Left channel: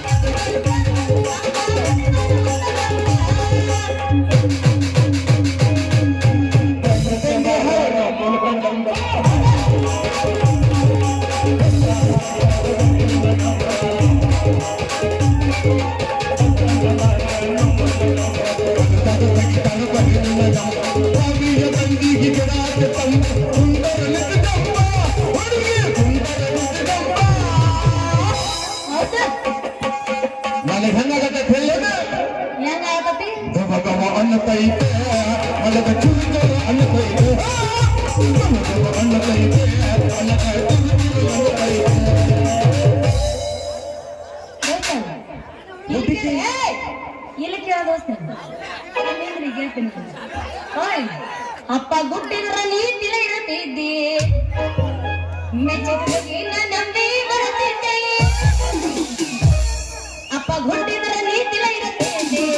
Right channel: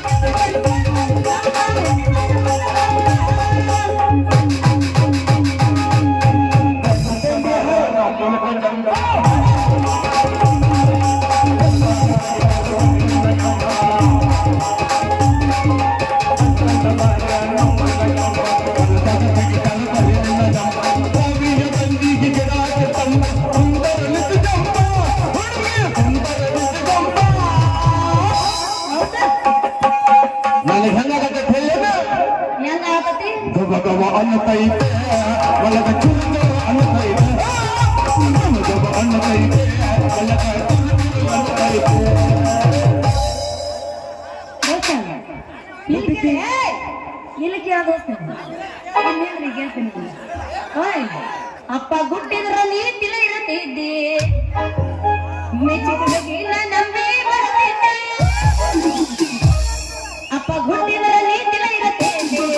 Thank you. ಅಲ್ಲಿ ಹೆಂಗಾಗತ್ತೆ ಹೇಳ ಹೆಂಗಾಗತ್ತೆ ಗಗವ ಅನ್ನತೈತೆ ಒಳಗ ಚುಂಗವ ಅನ್ನತೈತೆ ಗಗವ ಅನ್ನತೈತೆ ಒಳಗ ಚುಂಗವ ಅನ್ನತೈತೆ ಇಲ್ಲ ಕೇಳೋದು ಅಪ್ಪ ಗುಡ್ಡಿದ್ರ ನೀ ತಿಳ ಇರತ್ತಿದ್ದಿ ಮೆಚ್ಚಿದ ನಂಬಿ ಬರ್ತಿದ್ದೆ ಅಪ್ಪ ಗುಡ್ಡಿದ್ರ ನೀ ತಿಳ ಇರತ್ತಿದ್ದಿ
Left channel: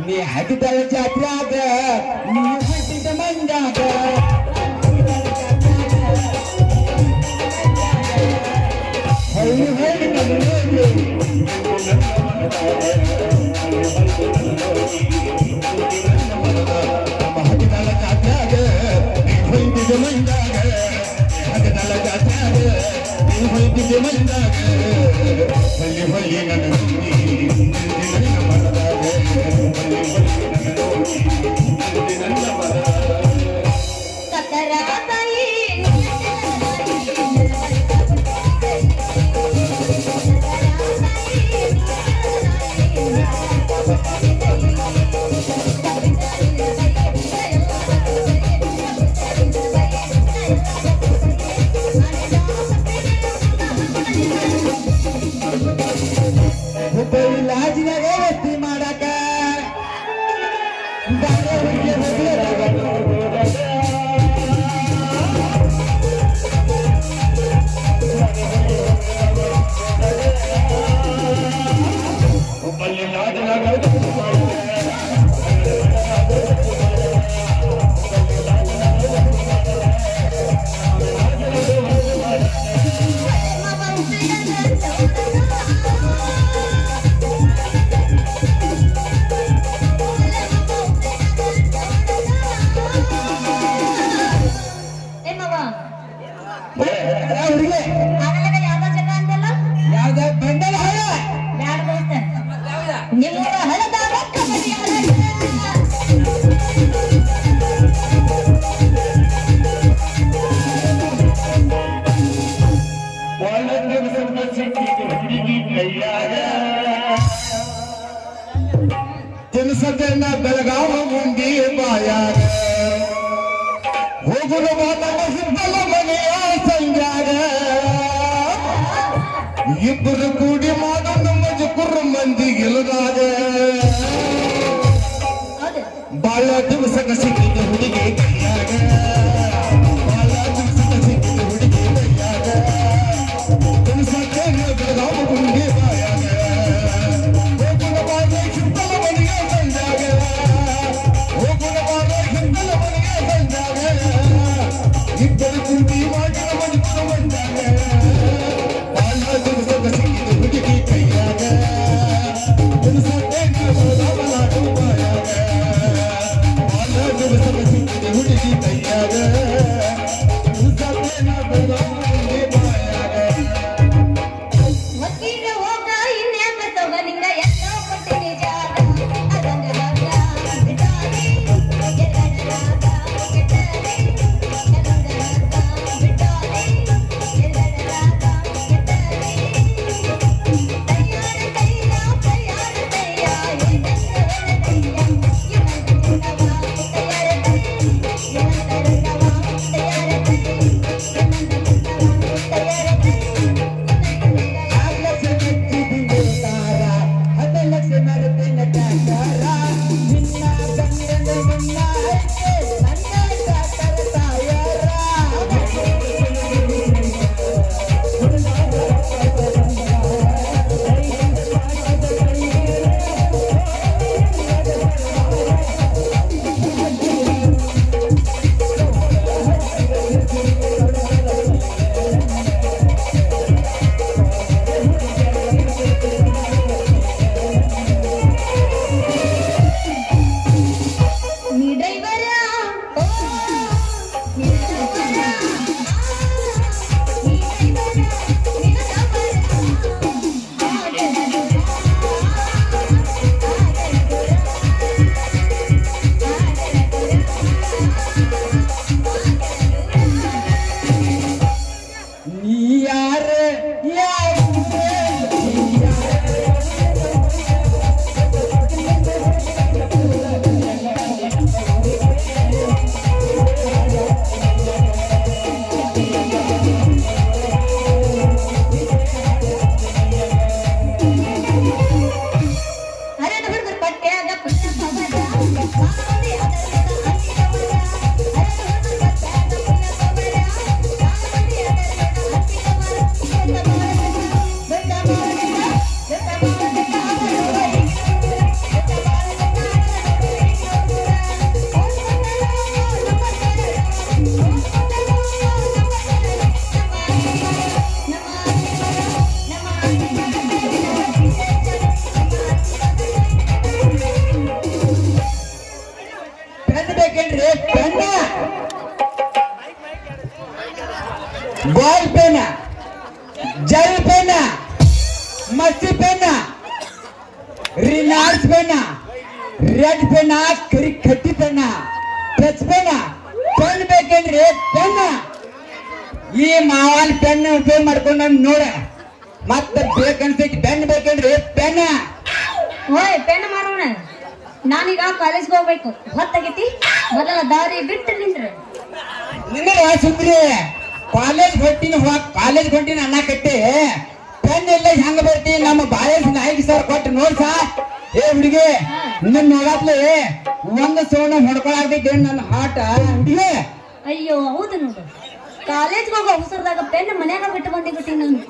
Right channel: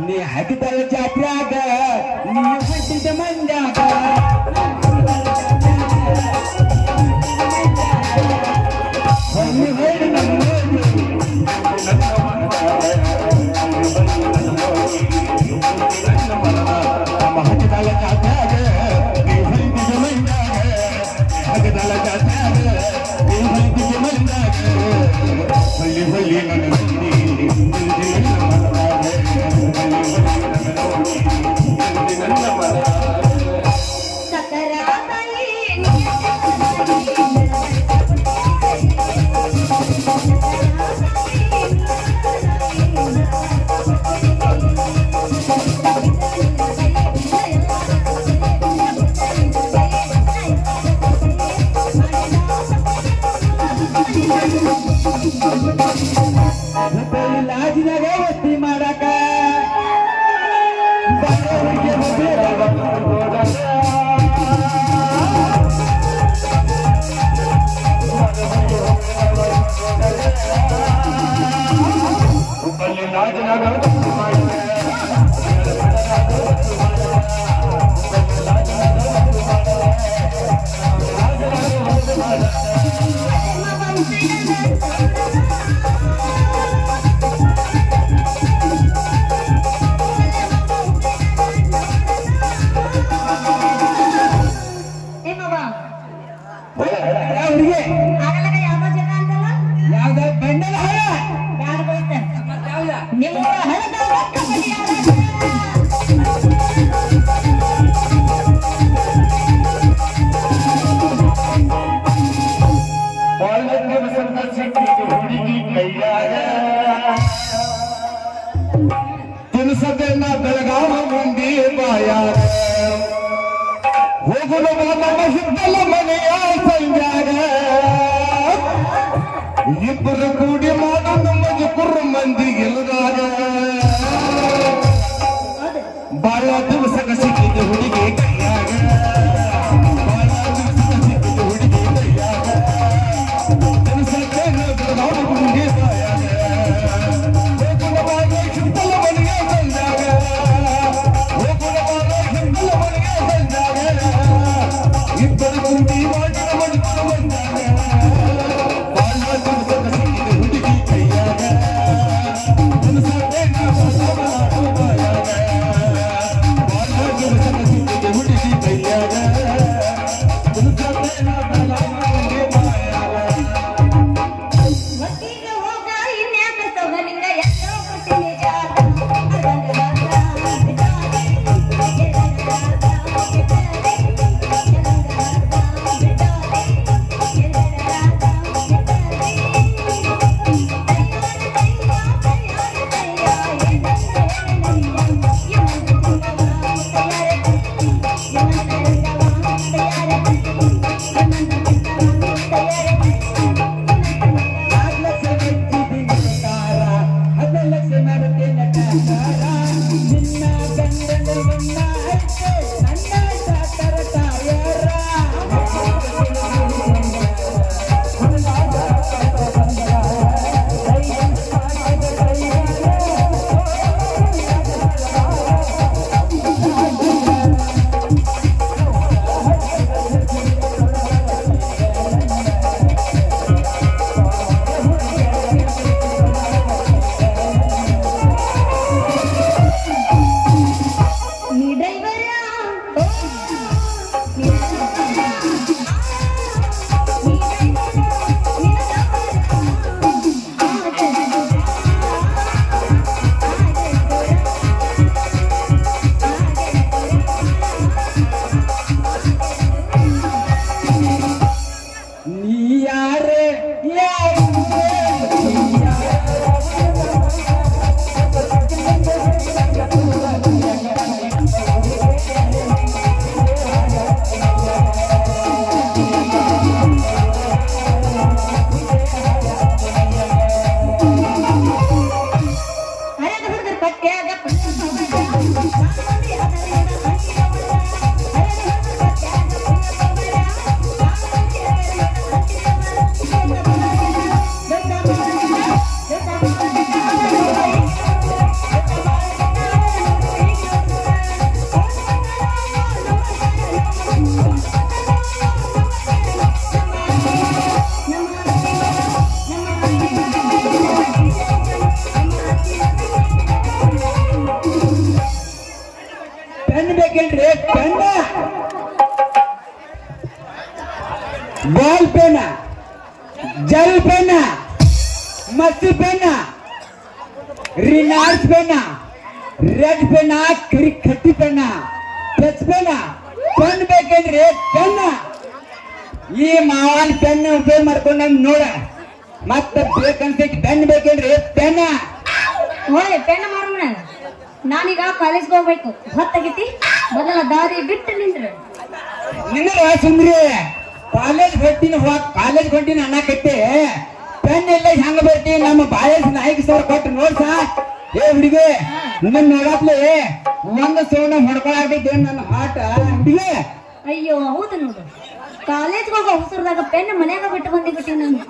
ನೀ ಹಾಕಿದಳ ಜಾತ್ರೆಯಾಗ ನೀ ಬಿಟ್ಟಿದ್ದ ಮಂಡ್ಯಾಗ ಲಾಜಿನಾಗ ಎಸ್ತಿ ಮಾಡಕ ಯಾವ್ದ ಗಂಡನ ಹಳ ನಿಮ್ಮ ಹಳದ ತಿನ್ಸದನ್ನ ಬೆಳಗಾವ ಮುಂದೆ ಬಾಯ ಹೋಗುವ ಸಿದ್ದಲ್ಲ ಮನೆಯ ಸಂಜಾಗ ಇಬ್ಬರು ಕೂಡಿ ಮಾಡು ನಮ್ಮದು ಕುರ್ರ ಮಂದಿ ಗೆಲುಗಾರ ಬಾಳ ದಿವಸಕ್ಕೆ ಸಿಕ್ಕಿದ ಹುಡುಗಿ ಕೈಯಾಗ ಇಬ್ಬರು ಕುಂಡಿ ಹುಡುಗಿ ಎಕ್ಸಿ ಪೆನ್ನ ರಿಲಾಯನ್ಸ್ ಪೆನ್ನ ರೆಡ್ ಪೆನ್ನ ಕರಿ ಕಟ್ಟಿ ಪೆನ್ನ ಟಚ್ ಪೆನ್ನ ಪೆನ್ ಬೇಕಂದ್ರೆ ಪೆನ್ನ ಈ ಮಾವನ್ ಪೆನ್ ಉಪಯೋಗ ಮಾಡ್ಕೊಂಡು ನಮ್ ನೋಡ ಮತ್ತೆ ಬೇಕನ್ಸಕ್ಕೆ ಪೆನ್ ಬೇಕಂದ್ರೆ ಪೆನ್ನ ಓಯ್ ಪೆನ್ ಮಾರೋಣ ನಾನೀಗ ಕಾಲೇಜ್ಗೆ ಹೋಗ್ಬೇಕು ಹೊತ್ತಾಗೈತಿ ಮೊದಲ ದಾರಿ ಬಿಟ್ಟು ನಿಂತ್ರೆ ನಿನ್ನ ಸುಂದ್ರಿ ಕಾಲೇಜ್ ಹೊಂಟಿನ ಅಣ್ಣ ಕಟ್ಟಿ ಪೆನ್ ಎಲ್ಲ ಹೆಂಗ ಬರ್ತಿ ನಮ್ಮ ಬಾಲೇಜ್ ನಾಯಕಿ ಸರ್ ಕೊಟ್ಟು ನೋಡ್ಸ ಏ ಹುಡುಗಿ ನಿನ್ನ ನೋಡಪ್ಲೆ ಒಂದು ಸೋಣ ಹೊಡ್ಕೊಳಾಗ್ತಿದ್ದೆ ನನ್ನ ಆಟ ಹುಡುಗಿ ಅಯ್ಯೋ ಹೌದು ನೋಡು ಕಾಲೇಜ್ ಹೋಗೋ ಅವಸರದಾಗ ಪೆನ್ ಮನ್ಯಾಗ ಬಿಟ್ಟು ಬಂದಿಬಿಟ್ಟಿ ನಾನು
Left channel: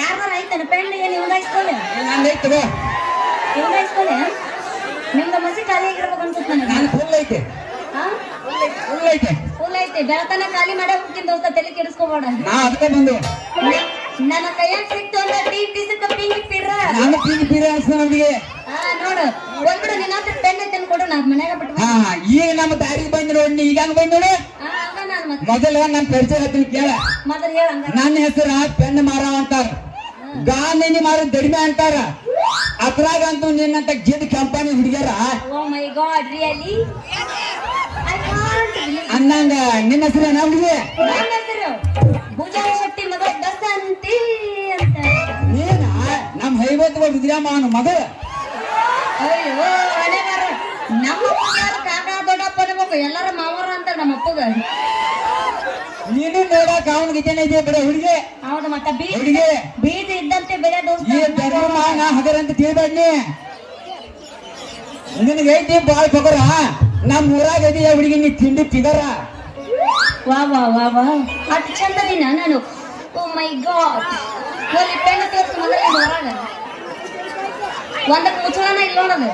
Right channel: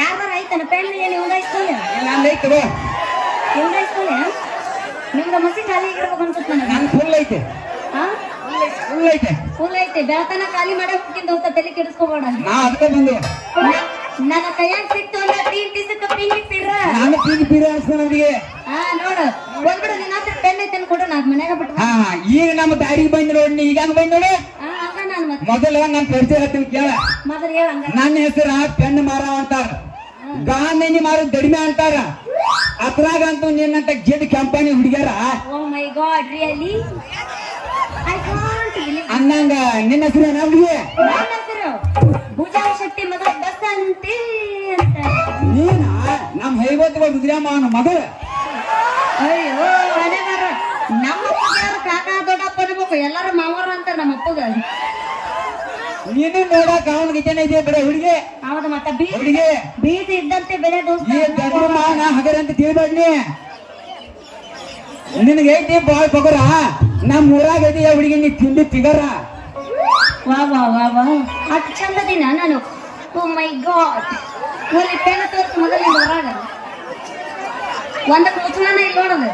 ಯಾರು ಆಯ್ತಾನ ಪೆನ್ ಉಂಡಾಯಿಸ್ಕೊಳ್ಳಿ ನಾನು ಐತೆ ಉಂಡಾಯಿಸ್ಕೊಳ್ಳಿ ನಿಮ್ಗೆ ಮಸಿ ಖಾಲಿ ಆಗಿರ್ಬೇಕು ನಾನು ಫುಲ್ ಐತೆ ಹಾ ಫುಲ್ ಐತೆ ಫುಲ್ ಐತಿ ಬೆಳತನ ಖಾಲಿ ಮಾಡೋ ಹೋಗ್ತೀನಿ ದೋಸ್ತ ತಲೆ ಕೆಡಿಸ್ಕೋಬೇಡ ನಾ ಅದಕ್ಕೆ ಬಂದೆ ನನ್ನ ಕೈಯಾಗ ಸಿಕ್ತು ಟಿಸಿ ಕಂಪ್ನಿ ಇಟ್ಟಿರ ನಾನು ಪೀಡಿ ಪೀಡಿ ಅನ್ಸ್ತಾನ ಹುಡುಗಿ ಹಾ ನೋಡು ಬಂದ್ಬಿಡು ನಿನ್ನ ಪೆನ್ ಐತೆ ಕೊಡು ನಾನು ಮನ್ಯಾಗ ಬಿಟ್ಟು ಹಾ ಈಗ ನಮ್ಮ ದಾರಿ ಬಂದ್ ನೋಡಿ ಈಗ ಹಂಗ ಬಂದ್ ನೋಡಿ ಹಾ ಹಂಗ ನಾನು ಮತ್ತೆ ಮೊದಲ ನನ್ನ ಪರಿಚಯ ಹೇಳ್ತೀನಿ ಕೇಳ ಮೊದಲು ಹೇಳ ಹಂಗ ನನ್ನ ಹೆಸರ ಪೆನ್ ಮಾರ ಅಂತಾರ ಗಾಂಧಿನಿ ಮಾರಿ ದಡಿಮೆ ಅಂತಾರ ಅದ್ರಾಗಂತೂ ನಿನ್ನಂತ ಗಿಡ್ ಕಂಪನಿ ಹುಡುಗ್ಯಾರ oh my god really I can't believe ಅನ್ನಂಗ ನಿನ್ನ ಹೆಸರು ಏನ ಹುಡುಗಿ ನನ್ನ ಹೆಸರು ಭುಜಾ ಶೆಟ್ಟಿ ಮಗ ದಸಂತಿ ಅಂತ ನೀನ ನಮ್ಮ ಹೈವತ್ ರುದ್ರಮ್ಮನ ಮಗಳ ಅಯ್ಯೋ ಮನೆ ಬಾರ ನಮ್ಮ ಅಪ್ಪಗಾರ ಕಾಕ ದೊಡ್ಡಪ್ಪ ಅನ್ಬೇಕು ಎಲ್ಲರೂ ಮಾವರ ಅಂತ ನಮ್ಮ ಅಪ್ಪಗ ನೀನು ನೋಡಕ್ ಅವನಿಗೆ ಜನ ಇದೆ ಬರೀ ಹುಡುಗಿ ಹೌದು ಮತ್ತೆ ಹುಡುಗಿ ಬೀಜ ಇದ್ದಂತೆ ಬೆಲೆ ದೋಸ್ತ ಈ ಧರ್ಮಮಾನ ಹಗರಂತ ತಿಳಿಬೇಡಿ ನಿನಗೆ ಐತಿ ಬಾಳ್ ಪಗರ ನಮ್ಮ ಊರಾಗ ಐತಿ ಹುಡುಗಿ ನೀ ತಿಂಡಿ ಫಿಗರ ವಾ ವಾ ವಾ ವಾ ಅಷ್ಟು ಚಂದದಿನ ನಾನು ಓ ಮೈ ಗಾಡ್ ನೋಡಿ ಪೆನ್ ತೋರಿಸು ಮೊದಲೇ ಹೊರಾಗ ಒಂದಕ್ಕೆ ಮುಚ್ಚಳನ ಇಲ್ಲ ನೋಡೋದು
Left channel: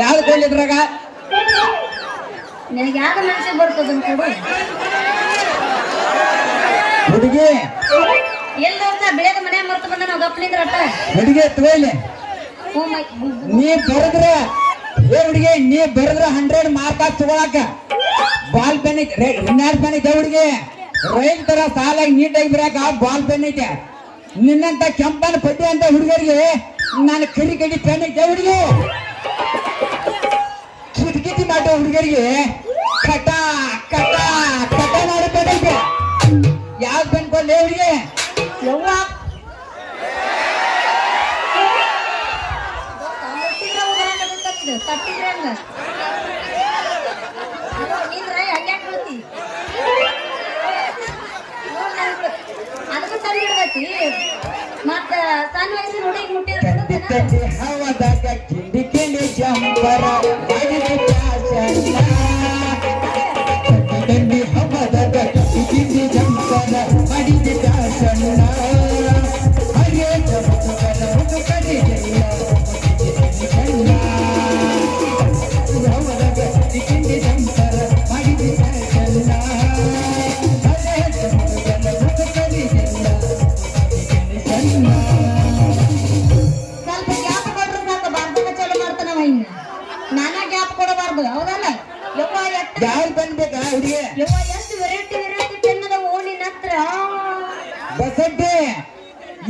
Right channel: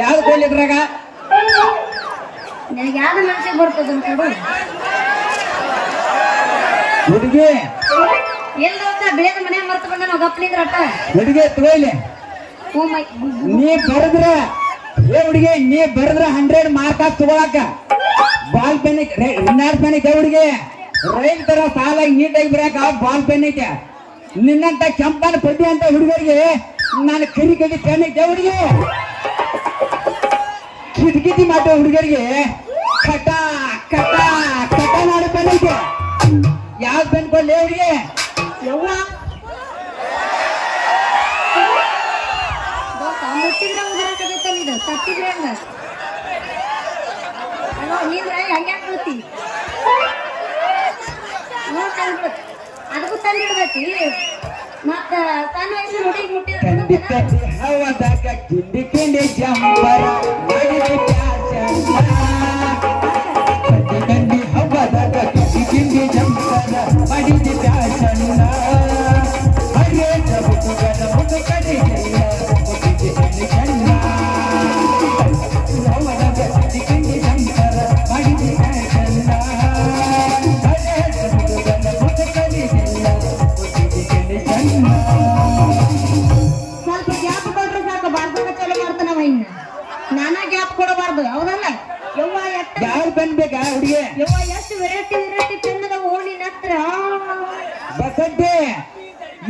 ಯಾವ್ದು ಕೊಲ್ಲಿದ್ರಾಗ ನಿನಗೆ ಯಾವ್ದು ಮನಸ್ಸಿಗೆ ಬರ್ತದೆ ಅಂತ ಹುಡುಗಿ ಎಲ್ಲ ಹೋಗ್ತಾ ಬೆಳೆದ ಮನೆ ಮರ್ತು ಬಂದ ನಾವು ಗಪ್ಪಲಿದ್ರ ಅಟ್ಟ ಹುಡುಗಿ ತಗೊಳ್ಳಿ ಓ ಮೈ ನೀ ಬರದ್ರ ಏ ಹುಡುಗಿ ನೀ ಬರದ್ರ 100 ಮಾರ್ಕ್ ಹಾಕಿ ತಗೊಳಕ ಬಾಲ್ ಪೆನ್ ಇನ್ನಾರ್ ಪೆನ್ ಐತೆ ಹುಡುಗಿ ರೈಲ್ ತರ ಸಾಲಾಗಿ ನೀಟಾಗಿ ಬರಕ ಬಾಲ್ ಪೆನ್ ಐತೆ ನಿನ್ನಂತ ಕೆಂಪನ ಪದ್ಯ ಅಂತ ಹುಡುಗರಿಗೆ ನಾನು ಕರಿ ಕಡಿ ಪೆನ್ ಐತೆ ಹುಡುಗಿ ಕಿಟಕಿಟಿ ಮಾಡೋ ಹುಡುಗರಿಗೆ ಕಟ ಕಟ ಕಟ ಮಾಡೋ ಪೆನ್ ಐತೆ ಯಾವ ಪೆನ್ ಕೊಂಡೆ ಹುಡುಗಿ ಯವ್ವ ಮುಟ್ಟಿದ್ರೆ ಉದಾಹರಣೆ ಇದು ತಟ್ಟಿದ್ರೆ ಹಂಗ ನೀವ್ರ ಹಂಗೆ ಬೀಳ್ತಿ ಅದಕ್ಕೂ ತಂದು ಇಡ್ಬೇಕಿ ಮತ್ತ ಸಣ್ಣ ವಯಸ್ಸು ಹುಡುಗಿ ಕಂಡಿ ಕಂಡಿ ಹವದಾಗ ಕಿಂಡಿ ಕಿಂಡಿ ಜಂಪರ ಮಾಡಿದ ಫ್ಯಾಷನ್ ಕಂಡಿ ಕಂಡಿ ಹವದಾಗ ಕಿಂಡಿ ಕಿಂಡಿ ಜಂಪರ ಮಾಡಿದ ಫ್ಯಾಷನ್ ಅಯ್ಯೋ ಜಗತ್ತು ಕಡೆ ಹವದಾಗ ಕಿಂಡಿ ಜಂಪರ ಮಾಡಿದ ಫ್ಯಾಷನ್ ಸ್ವಲ್ಪ ಗ್ಯಾಪ್ ಕೊಟ್ರೆ ಸಾಕು ಬಾರ್ದಾಗ ಚಾಲು ಮಾಡ್ತಾನವ ಇನ್ನ ನಾನಾ ಗ್ಯಾಪ್ ಕೊಡಬಾರ್ದು ಹೌದಲ್ಲ ಯವ್ವ ಯಾರು ಬಂದ್ಬೇಕಾ ಹುಡುಗಿ ಯವ್ವ ಎಷ್ಟು ವೆರೈಟಿ ಪೆನ್ನದ ಓಣಿ ಹತ್ರ ಬಸಂತಿ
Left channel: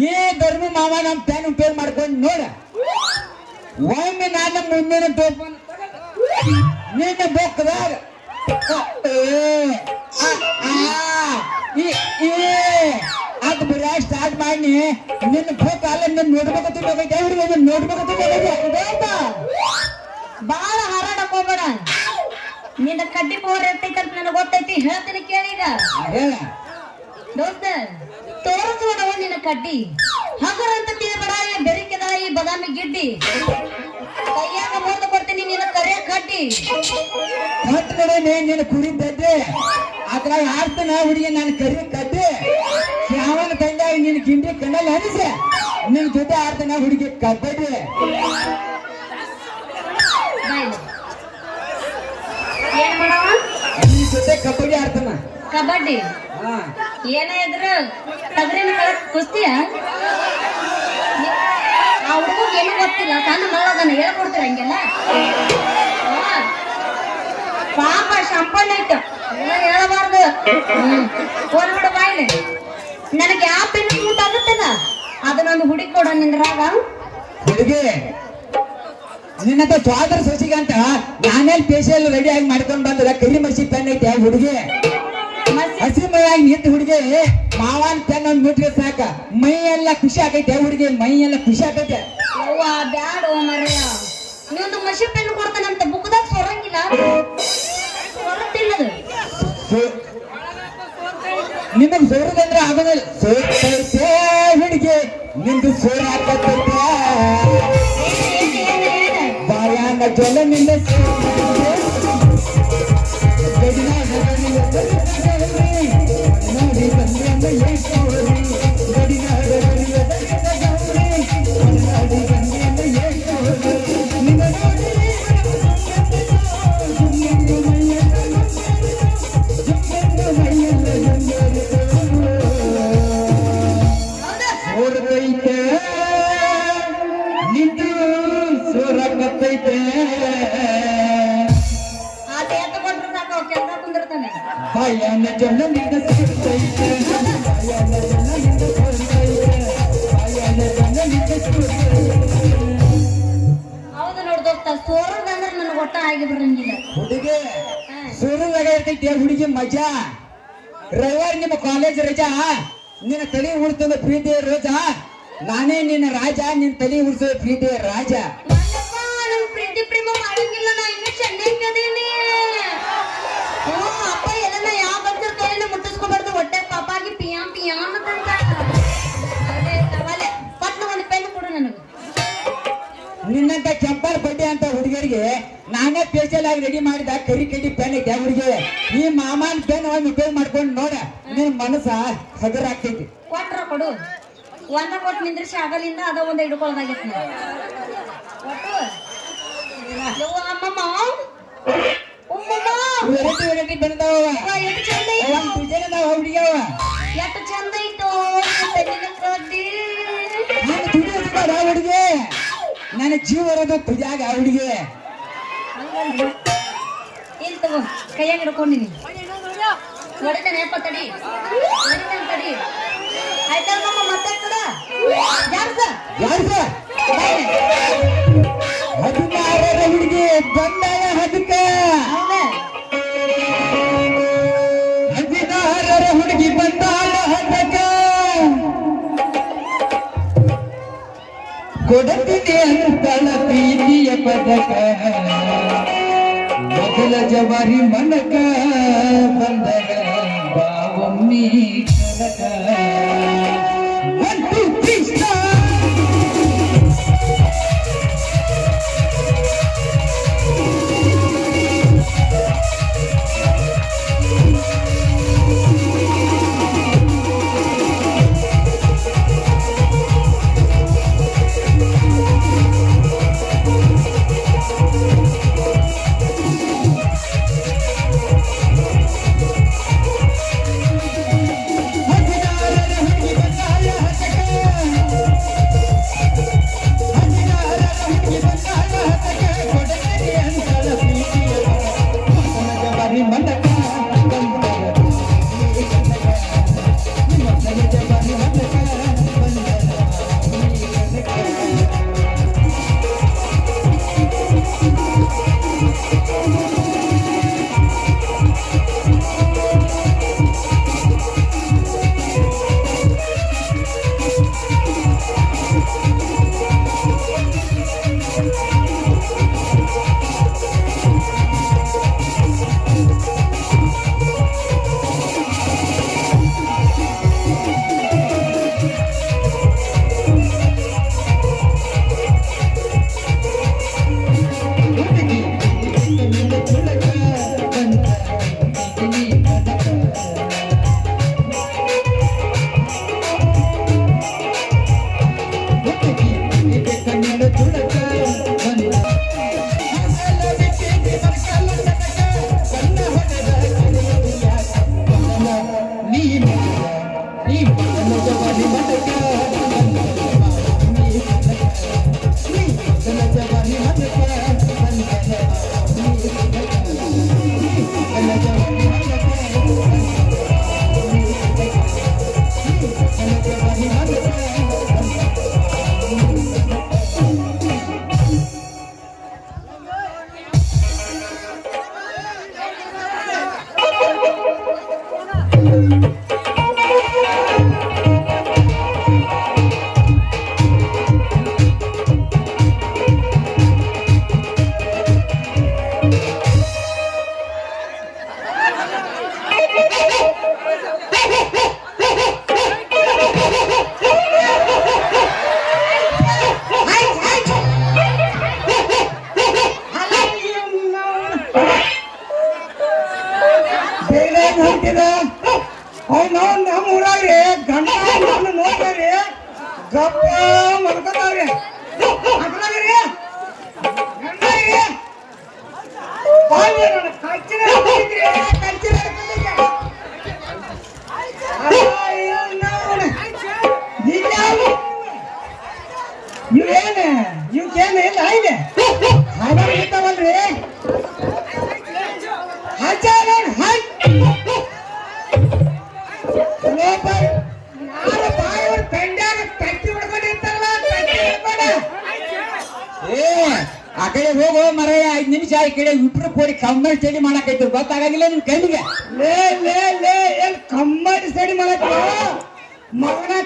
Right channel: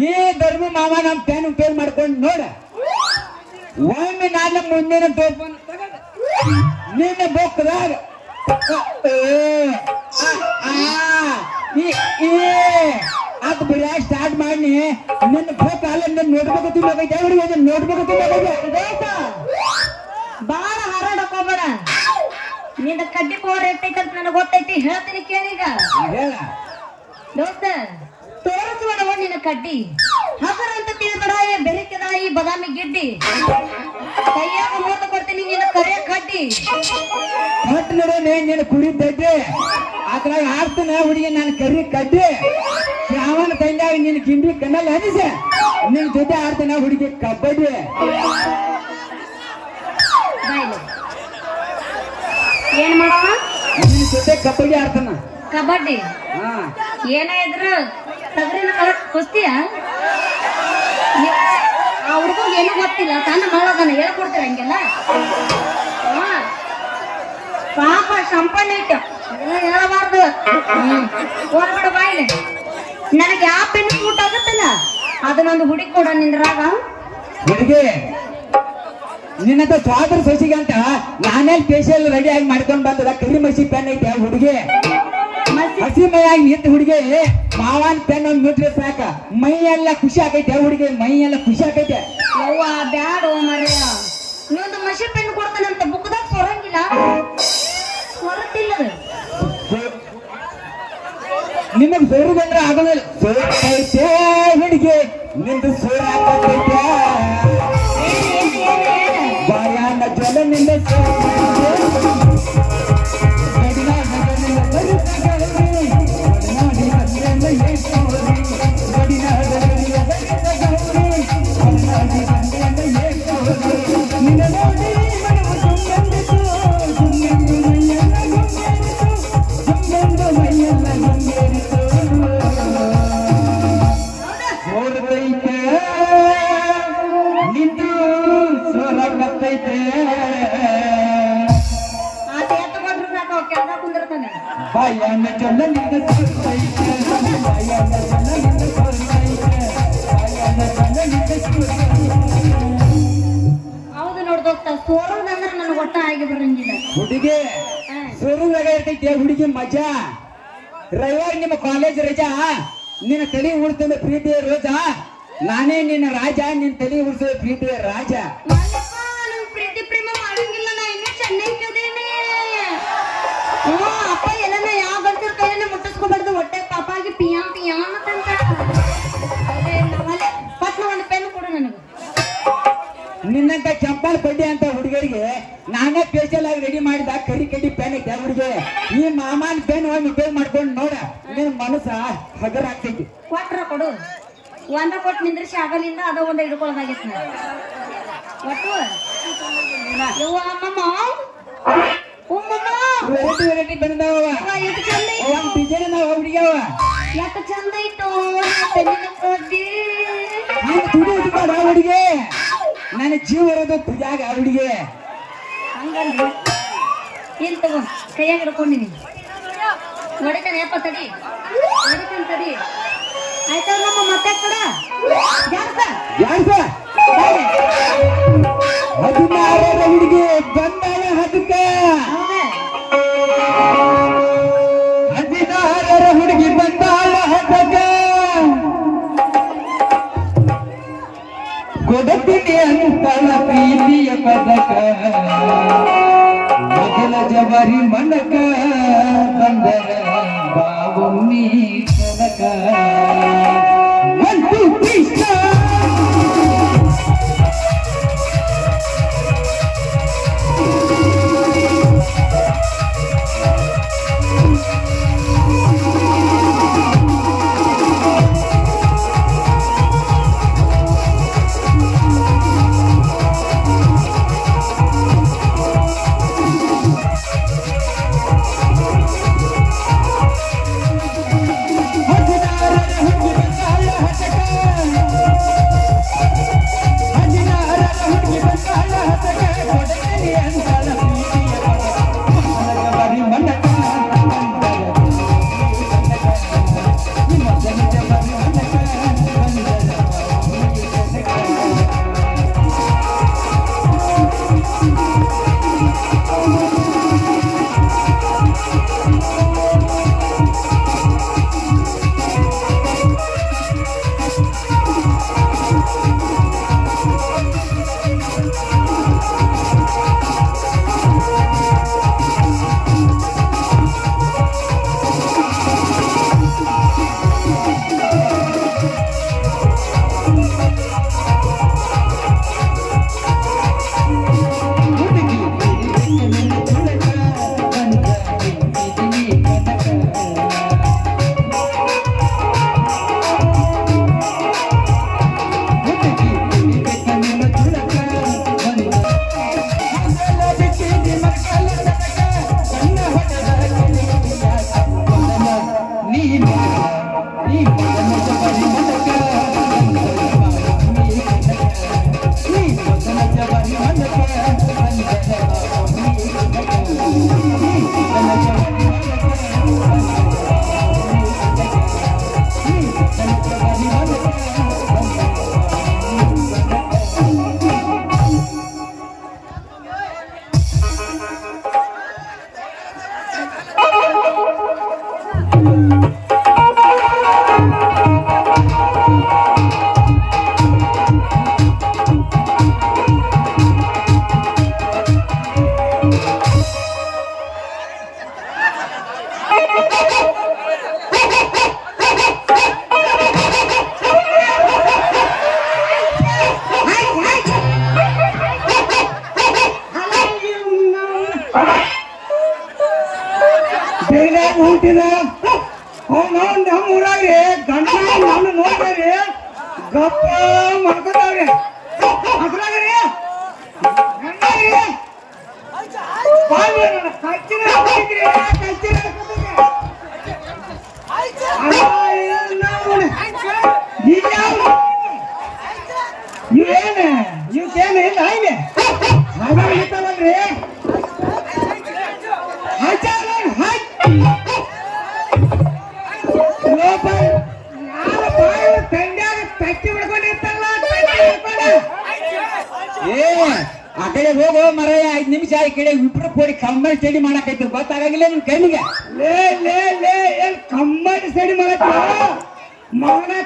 ಈ ಧರ್ಮಿ ಮಾಮ ನಮ್ ಪೆನ್ ಉಪಯೋಗ ಮಾಡ್ಕೊಂಡು ನೋಡ ಒಮ್ಮೆ ನಾನು ಮುಂದಿನ ನಿನ್ನ ಬೇಕದಾರ ಅದು ಬರೀ ಸ್ಟಾರ್ಟ್ ಮಾಡಿ ನಿನ್ನ ಬೇಕಲ್ಲ ನಿನ್ನ ನೋಡ್ಬೇಕು ತಿನ್ನಕೈತೆ ಹುಡುಗಿ ನೋಡ್ಬೇಕು ತಿನ್ನಕೈತೆ ಬಾಳ ಹಾರಾಡಕ್ ಹೋಗ್ಬೇಡ ನಿನ್ನ ಕಡ್ಡಿ ಪೌಡರ್ ಎಷ್ಟೈತೆ ಅಂತ ನನಗೆ ಗೊತ್ತೈತಿ ಹೇಳ್ತೀನಿ ಕೇಳೀಗ ಹೇಳ ದೋಸ್ತ ತೋರಿಸ್ಬೇಡ ನಿನ್ನ ಕಡ್ಡಿ ಹಗರ ಅಂತ ತಿಳ್ಬೇಡ ಬೆರಕೆದ ಈ ಬದಾಮಿ ಗಿಡ್ಡಿ ಕೈಯಾಗ ಮುರಿದು ಕೊಡ್ತೀನಿ ನಿನ್ನ ಕರೆ ಕಡ್ಡಿ ಕಟ್ ನಡೆ ನೀನು ಕುಡಿದ್ದೆ ಅದ್ರಾಗ ಆಡ್ತಾನ ಹುಡುಗಿ ನಾನು ಕರಿ ಕಡ್ಡಿ ಶ್ರಾವಣ ತಂದಾಗ ನಿನ್ನ ಗಿಂಡಿ ಕಣ್ಣಲ್ಲಿ ಹನಿಸೆ ನಿನ್ ಜೊತೆ ಆಡ್ತಾನ ಹುಡುಗಿ ಕಬಡ್ಡಿ ಹುಡುಗಿ ನಿನ್ನಂತ ಸ್ವಾದ್ರ ಸೊಸಿಗೆ ಅಂತ ನಾನೇನ್ ಫೇಶಿಯಲ್ ರೆಡಿ ಆಗಿ ಮಾಡ್ಕೊಂಡ್ ಬಂದ್ರ ಕರಿ ಮಸಿ ಪೆನ್ ಐತೆ ಹುಡುಗಿ ಹಸಿ ಮೈಯಾಗಿ ನಿಂತ ಹುಡುಗಿ ಮಾವನ್ ಪೆನ್ ಒಂದ್ ಬಿಟ್ರೆ ಸಾಕ ಮೈ ಎಲ್ಲ ಖುಷಿ ಆಗೈತೆ ಹುಡುಗಿ ಮೈ ಎಲ್ಲ ಖುಷಿ ಆಗೈತೆ ಅವ್ವ ಬ್ಯಾಡ ಮಾರ್ಯ ಇನ್ನೊಂದು ಮಷಿ ಪೆನ್ ಕೊಡ್ತಾನಂತ ಬುಕ್ದಾಗ ಸೊರಂಗಿಲ್ಲ ಹೊರತಿಲ್ಲದು ನಿನಗ್ ಸೋರುದಂದ್ರೆ ಆಗೋದಿಲ್ಲ ಸೋರ್ತೈತೆ ಹುಡುಗಿ ನಿಂದು ಸೋರ ಹಾಕತೈತೆ ಭಯಾನ ಜಲ ನಿನ್ನ ಸೋರದೈತೆ ನಿಂತು ಸೋರಕತ್ತೈತೆ ಆತ ಎತ್ತಕೊಂಡ್ರು ಸಾಕು ಕೆಳಗ ಕುಂದಿರ್ತಾನೆ ಭಯಾನ ಜಲ ನಿನ್ನ ಸೋರ್ತೈತೆ ಭಯಾನ ಜಲ ನಿನ್ನ ಸೋರ್ತೈತೆ ಭಯಾನ ಜಲ ನಿನ್ನ ಸೋರ್ತೈತೆ ಹೌದು ನೋಡ್ ದೋಸ್ತ ಸೋರೋದಂದ್ರೆ ನನಗೆ ಒಟ್ಟ ಆಗಿ ಬರಂಗಿಲ್ಲ ಹುಡುಗಿ ಸೋರುದಾಗ ಇರ್ತೈತೆ ಹುಡುಗಿ ಮಜಾ ರವಿವಾರ ನಿಮ್ಮ ಕಾಲೇಜ್ ರಜಾ ನಿನ್ನ ತಲೆ ಉಳಿಸ್ತಂದ ಪ್ರೀತಿಯ ರೋಜಾ ನಾನೇ ನಿನ್ನ ರಾಜ ನಿನ್ನ ತಲೆ ಉಳಿಸೋ ಪ್ರೀತಿಯ ರಾಜ ಮಲ್ಲಪ್ಪ ನನ್ ಪ್ರೀತಿ ಪ್ರೇಮ ಮಾಡಂಗಿಲ್ಲ ನಾ ಇನ್ನೂ ಚೆನ್ನಾಗಿದ್ದೇನೆ ಅಪ್ಪ ಏನನ್ನ ಯಾವ ಬರ್ತಿರ್ ಕೈಯಲ್ಲಿ ಮುಟ್ಟಿಸ್ಕೊಬಾರ್ದು ಹೊಟ್ಟೆ ಪಾಪಾಗಿ ಪಿಯಾ ಪಿಯಾ ಅಂತಂತ ಅದೇ ನಮ್ಮಲ್ಲಿ ಪಟ್ನ ಒಂದು ಪೆನ್ ಕೊಡು ನನಗೆ ನಿನ್ನಂತ ಚಪ್ಪಲ್ ಬಡ್ಡಿ ಅಂತ ಹುಡುಗರಿಗೆ ನಾನೇ ಸ್ಪೆಷಲ್ ಆಗಿ ರೆಡಿ ಮಾಡಿದ ಕರಿ ಕಡ್ಡಿ ಪೆನ್ ಐತೆ ಹುಡುಗಿ ಈ ಮಾಮನ್ ಪೆನ್ ಒಂದು ಉಪಯೋಗ ಮಾಡ್ಕೊಂಡು ನೋಡ ನಿನ್ ಮನಸ್ಸ ಹಗರ ಆಗ್ತೈತಿ ಕೊಟ್ರ ಕೊಡು ಒಂದ ಕೊಟ್ಟು ನಿಂದ್ರಿಸಿ ಆಗಲಿಂದ ಅದ ಒಂದು ಹಿಡ್ಕೊಳ್ಳೋದಾಗಿತ್ತು ಒಟ್ಟು ಯವ್ವ ಅಮ್ಮಮ್ಮ ವೆರೈಟಿ ವೆರೈಟಿ ಬಂದಾವ ಎಷ್ಟು ಚಂದ ಐತೋ ಡಿಸೈನ್ ಅದಾವ ಹುಡುಗಿ ಅವ ಎಷ್ಟು ಚಂದ ಐತೋ ತೆಲಿಗೆ ಕಡ್ಡಿ ನೀನು ತುಡಿ ಹೊಡಿತಾವ ಹುಡುಗಿ ನನ್ನ ಜೀವ ಇರೋದು ತುದಿಯಾಗ ಹುಡುಗಿ ಹಂಗಂದ್ರೆ ಇಲ್ಲಿ ತಗೋ ಕೈಯಾಗ ಹಿಡ್ಕೊಂಡಿನಿ ಹೊಡಿತಾನೆ ಯಪ್ಪ ತಡಿ ಹೊಡಿತಾನೆ ತಡಿ ಆಯ್ತಲ್ಲ ಮತ್ತೆ ಕೊಡ ಜಾಗ್ತ ಯಾರ್ಸ ಹದಿನಾರರ ಹುಡುಗಿ ಬಂದಾಳ ಹದಕ್ಕ ಹೌದೇ ಹದಿನಾರರ ಹುಡುಗಿ ಬಂದಾಳ ಹದಕ್ಕ ಕೊಡತಿಗೆ ಅನುಪಳ ಪ್ರೀತಿಯ ಪದಕ ಮೊದಲ ಜವರಿ ಮನಕ ಬಂದರ ಬಾವೊಮ್ಮಿ ತನಕ ಒಂದು ಕೃಷ್ಣ ಹದಿನಾರರ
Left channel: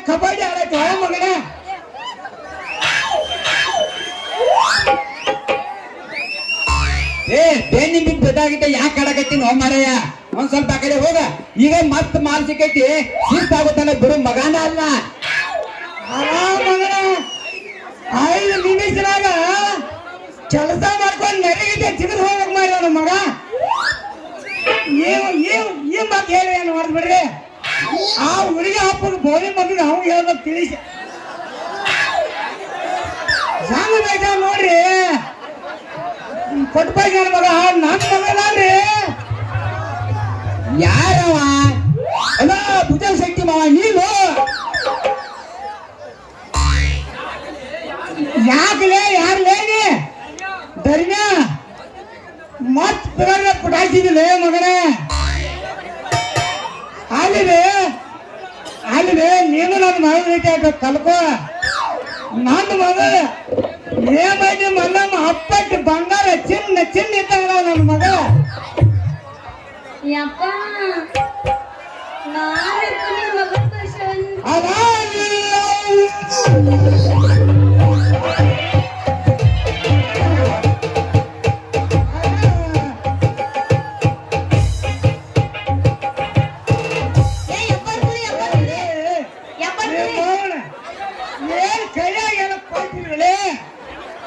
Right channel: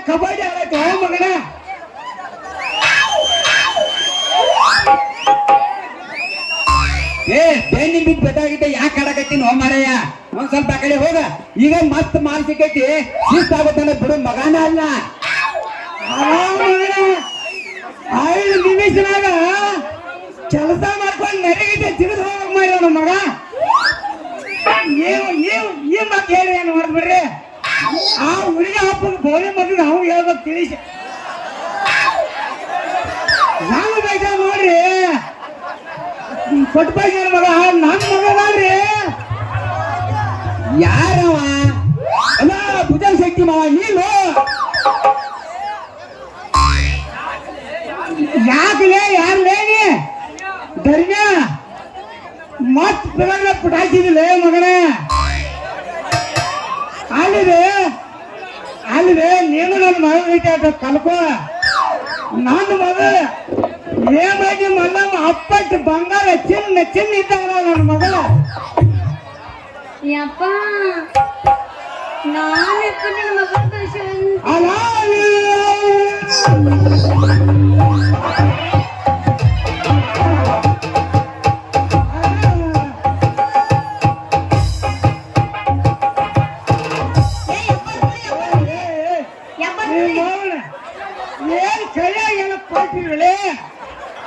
ಕಬಡ್ಡಿ ಆಡೈತಿ ಯಾವ ಮಗನ ಏ ಬೆನ್ನಿ ಬಿದ್ದು ಬೆದಾಗಿದ್ದೆ ಯಾಕೆ ಆಡಕತ್ತೀನಿ ಹೋ ಮಾರಯ್ಯ ಒಂದ್ ಸ್ವಲ್ಪ ಆ ಕಡೆ ಹೋಗ ಈಗ ಮತ್ ಮಾನಸಿಕೈತಿ ಶಿಸ್ತಾಗುತ್ತಾನ ಬಿಡು ಮಗನ ಅಲ್ಲ 5 ನಿಮಿಷದಾಗ ಕೆಲಸ ಮಾಡ್ಕೊಂಡು ನೆನಗಿದ್ದೆ ತಿಂದು ಹೋಗಕ್ ಮಾಡ್ಯಾರ ಮಗ ಈ ಮತ್ತೆ ಏನ್ ಮಾಡ್ಬಿಡ್ರಿ ಆ ಹುಡುಗಿ ಹಬ್ಬದ ಬೋಲೆ ಬಂದು ನಾವು ಹೇಳ್ಬೇಕು ತಿಳಿಸಿ ಹೆಂಗ ಬೇಕಾ ನೋಡ್ರಿ ಕೊಟ್ಟಾಗ ಮಗ ನನ್ನ ಮಗ ಮಾಡ್ರಿ ಯಾರವ ಅಲ್ಲ ಭುಜ ಶಕ್ತಿ ಮಾವ ನೀನು ಯಾಕಲೇ ಯಾರ್ಲೇನಿ ಧರ್ಮ ಮತ್ ಬಿಡಲ್ಲ ಪುಟಾಸಿದಿಲ್ಲ ಮಗನ ಅಲ್ಲಿದೆ ನೀವು ನನ್ನ ಮಗ ಕಲ್ಕೋ ನನ್ನ ಮಗ ಏನಾಗಿ ಮಲ್ಲಮ್ಮ ಅಪ್ಪಟ್ಟು ಬಂಗಾರ ಚಿನ್ನ ಇದ್ದಾವ ನನ್ನ ಮಗ ಯಪ್ಪ ನಾಳೆ ಮಗ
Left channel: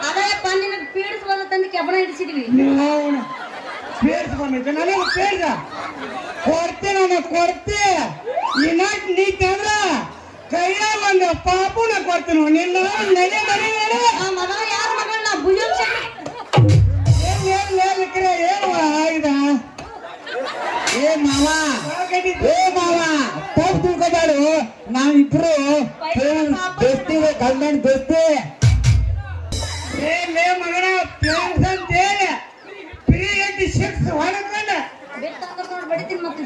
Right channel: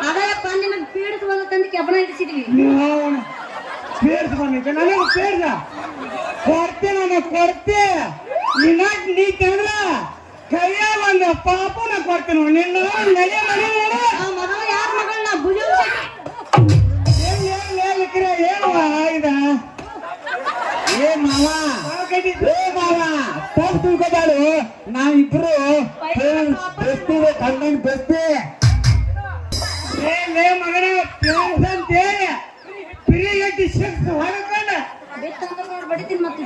ಅದಪ್ಪ ನಿನಗೆ ಪೀಡಿಸ್ಬೋದು ತಂದು ಕೆಬ್ಬಣ ಇಡಿಸಿದ್ವಿ ಕೊಡ್ತೆ ಇನ್ನಾಕ್ ನೀ ತಂದ್ರ ಕೈಯಾಗ ಒಂದು ಪಾಪುನ ಕೊಡ್ತೀನಿ ನಿನ್ನ ನಡಿ ಮಗ ಯಾರ ಮಗಳನ್ನ ಭುಜ ನಾವಿಬ್ರು ಬೆಸ್ತೀವಿ ಕಲ್ಯಾಣ ಬೆಸ್ತಿ ಮಗನ ಪ್ರೇಮಂತೆ ಪ್ರಿಯಕ್ಕೆ ಶಿಕ್ಷ ಹೊರಕೊಂಡ ಬಡಿತೀನಿ ಮತ್ತೆ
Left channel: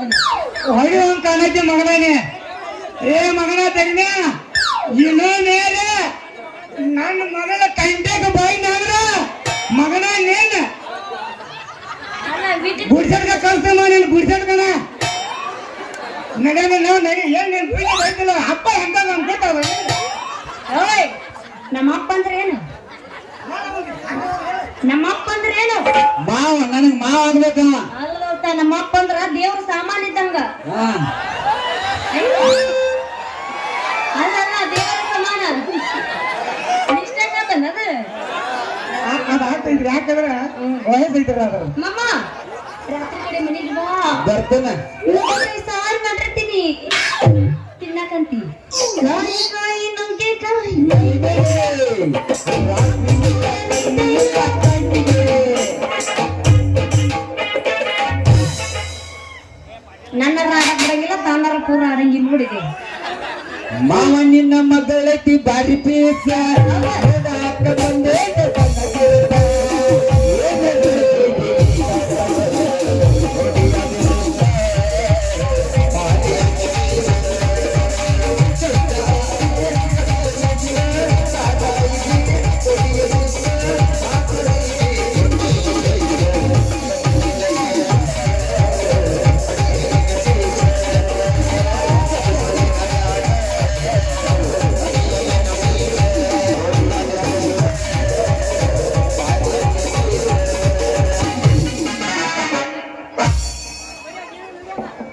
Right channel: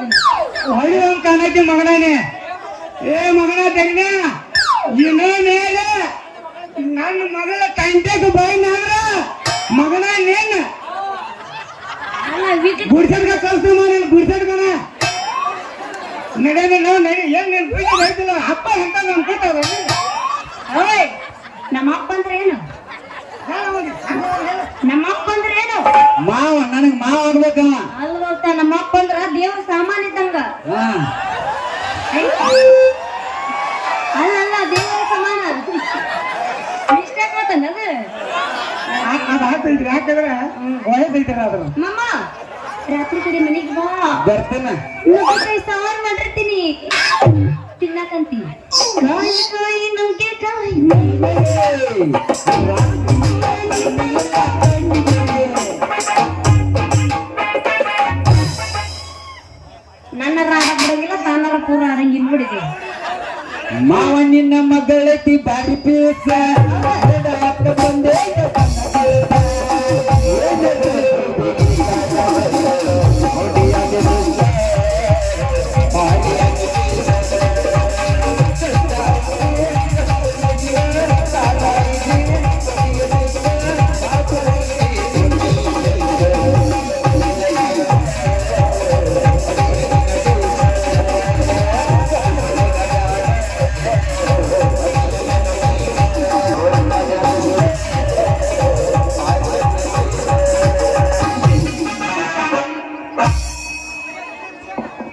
ಹೊಡೆಯುವಂತ ಕಾಣೈತಿ ಮಗನೇ ಏ ಮಗನ ತೆಗ್ದೆ ಇನ್ನೋ ಮೇಲೆ ನನ್ನ ಮಗಳ ಕಂಟೆಗೆ ಬಾಯಿ ನಾದ್ರ ಮಗನ ನೀನ್ ಗುಡ್ಸಡ್ಕ ಕಳ್ಸ್ಕೊಂಡ ನೀನು ಗುಡ್ಸಡ್ಕನ ನಡೀನಿ ನಾವು ನಡಿ ಏನ್ ನೀನ್ ಬೀದಿ ಹೇಳ್ತಿಲ್ಲ ಅಪ್ಪ ಅಂತ ನಮ್ ಗೊತ್ತಲ್ಲ ನಮ್ಮಪ್ಪ ಅಂದ್ರೆ ಏನು ನಮ್ಮಪ್ಪ ಅಂದ್ರೆ ಏನು ಮಾವ ನನಗ್ ಮಾವ ಆಗ್ಬೇಕವ ಅಲ್ಲ ನಮ್ಮಪ್ಪ ಅಂದ್ರ ದೇವ್ರ ಸಾಮಾನ್ಯ ಇದ್ದಂಗ ಅಲ್ಲ ದೇವರ ಸಮಾನ ಮಿಸ್ಟೇಕ್ ಆತನ ಆಗ್ತೈತ್ರಿ ಯಾಕಂದ್ರೆ ವಯಸ್ಸೈತಿರ ಅದ್ರ ಮಮ್ಮ ರಾತ್ರಿ ಕಡೆ ಮನೆಗೆ ಬಾ ಬರ್ತೇನೆ ಸಾರು ಮಾಡಿರ್ತೀನಿ ತಿನ್ನಕಂತಿ ಕಾಯಿ ನುಗ್ಗೆಕಾಯಿ ನನ್ನ ರಾಗ ಬರಂಗಿಲ್ಲ ತನ್ನರ ಪೂರ ಆರಂಗಿ ನೋಡಿದೆ ಮಾವ ನಿನ್ನ ಮಗಳತಿ ಬ್ಯಾಡಿ ಪೀಸ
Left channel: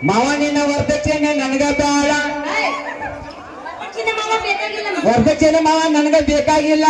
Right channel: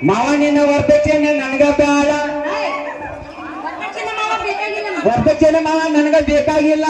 ಮಾವ ನಿನ್ನ ವರ್ತಚೇನೆ ನನಗ ಬೇಡ ವರ್ತಚೇನೆ ಮಾವ ನನಗ ಬೇಕಾಗಿಲ್ಲ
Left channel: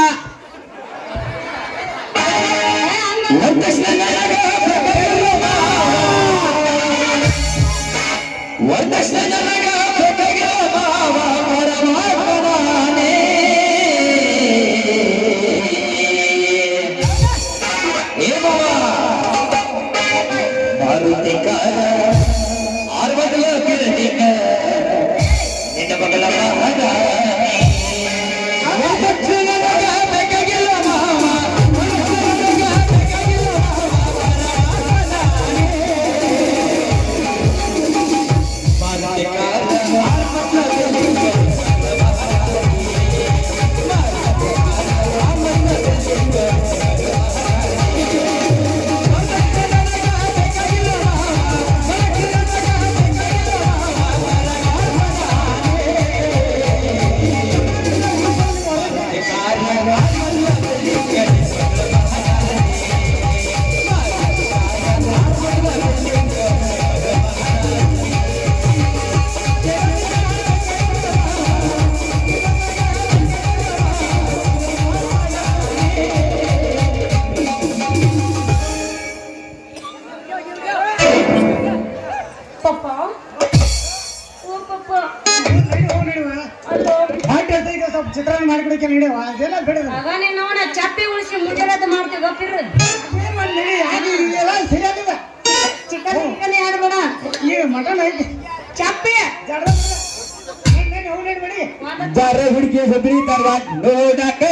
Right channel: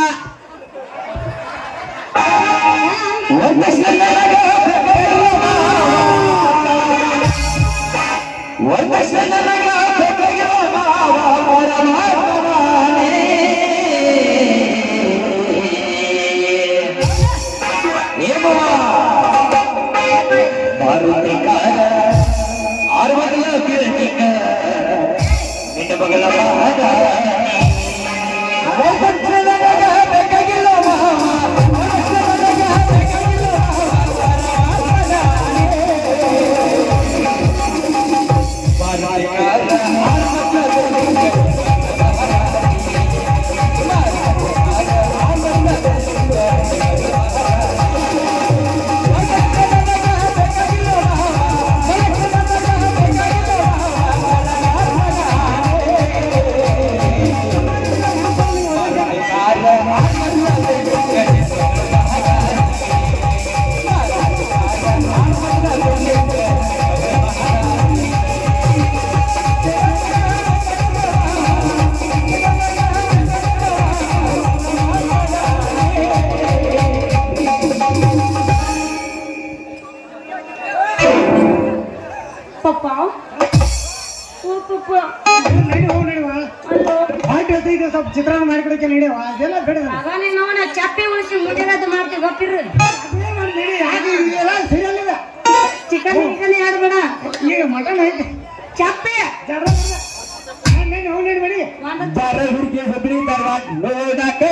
ಬರ ಹುಡುಗಿ ಹುಬ್ಳಿ ತರ ನೋಡಕ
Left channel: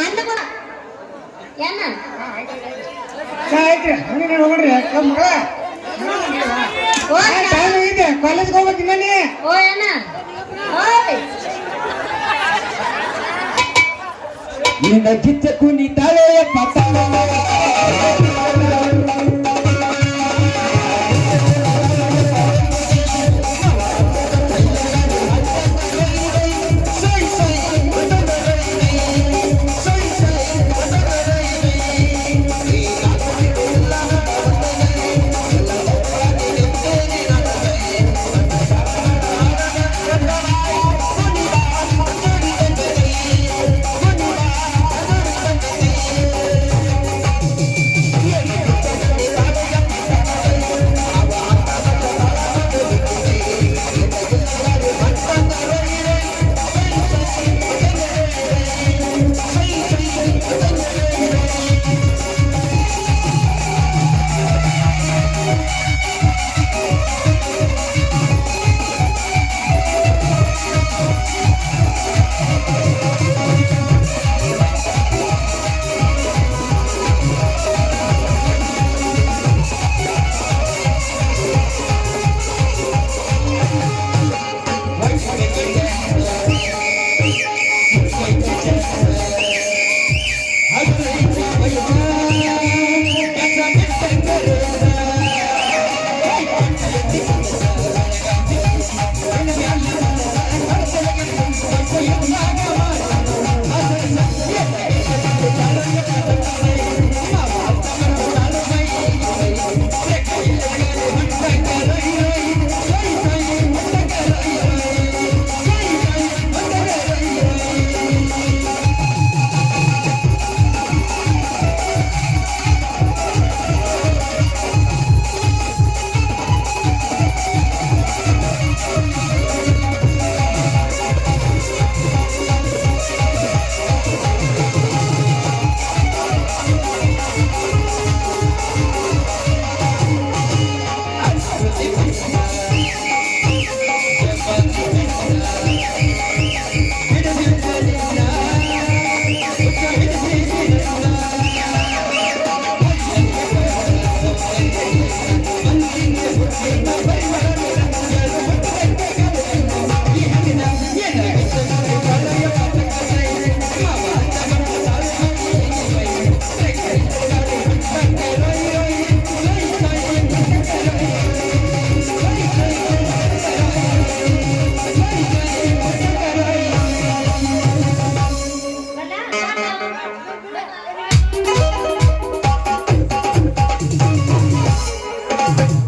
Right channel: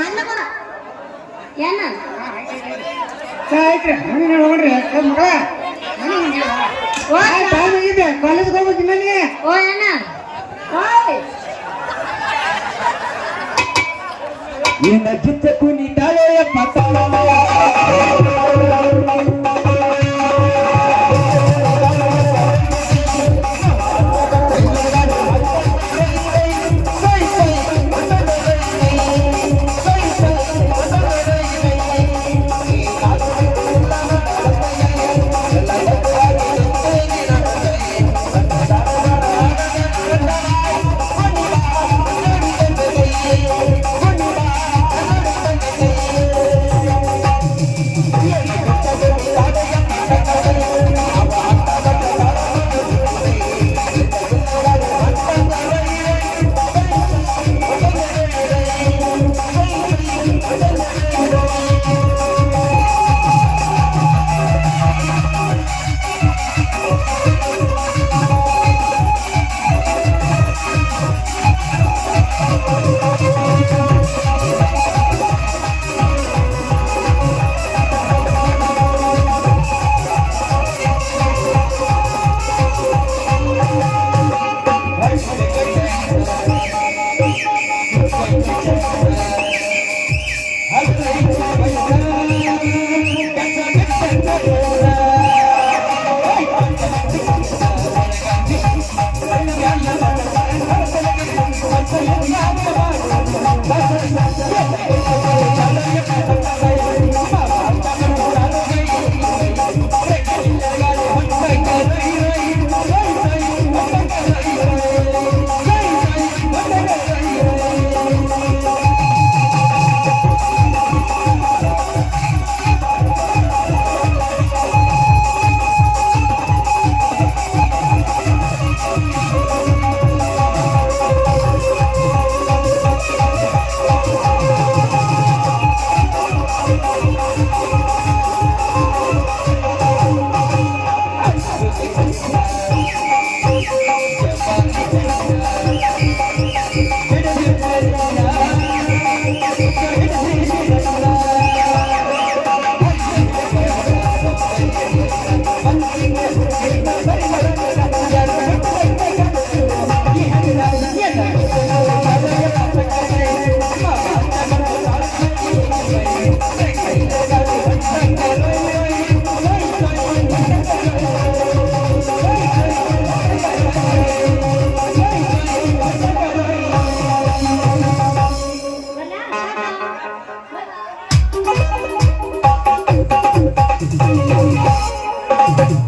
ಅನ್ನಗಳ ಏನ ಆಯ್ತು ನೀನು ನೋಡ್ರಿ ಮಕ್ಕಳ ಕಾಲೇಜ್ ಹೋಗ್ಬೇಕು ಮನೆ ಓ ಏನ ಓಯ್ ನಿನ್ನ ಗಿಚ್ಚ ಕುಣಿತಾಳೆಯ ಪತ್ತಾಳ Thank you.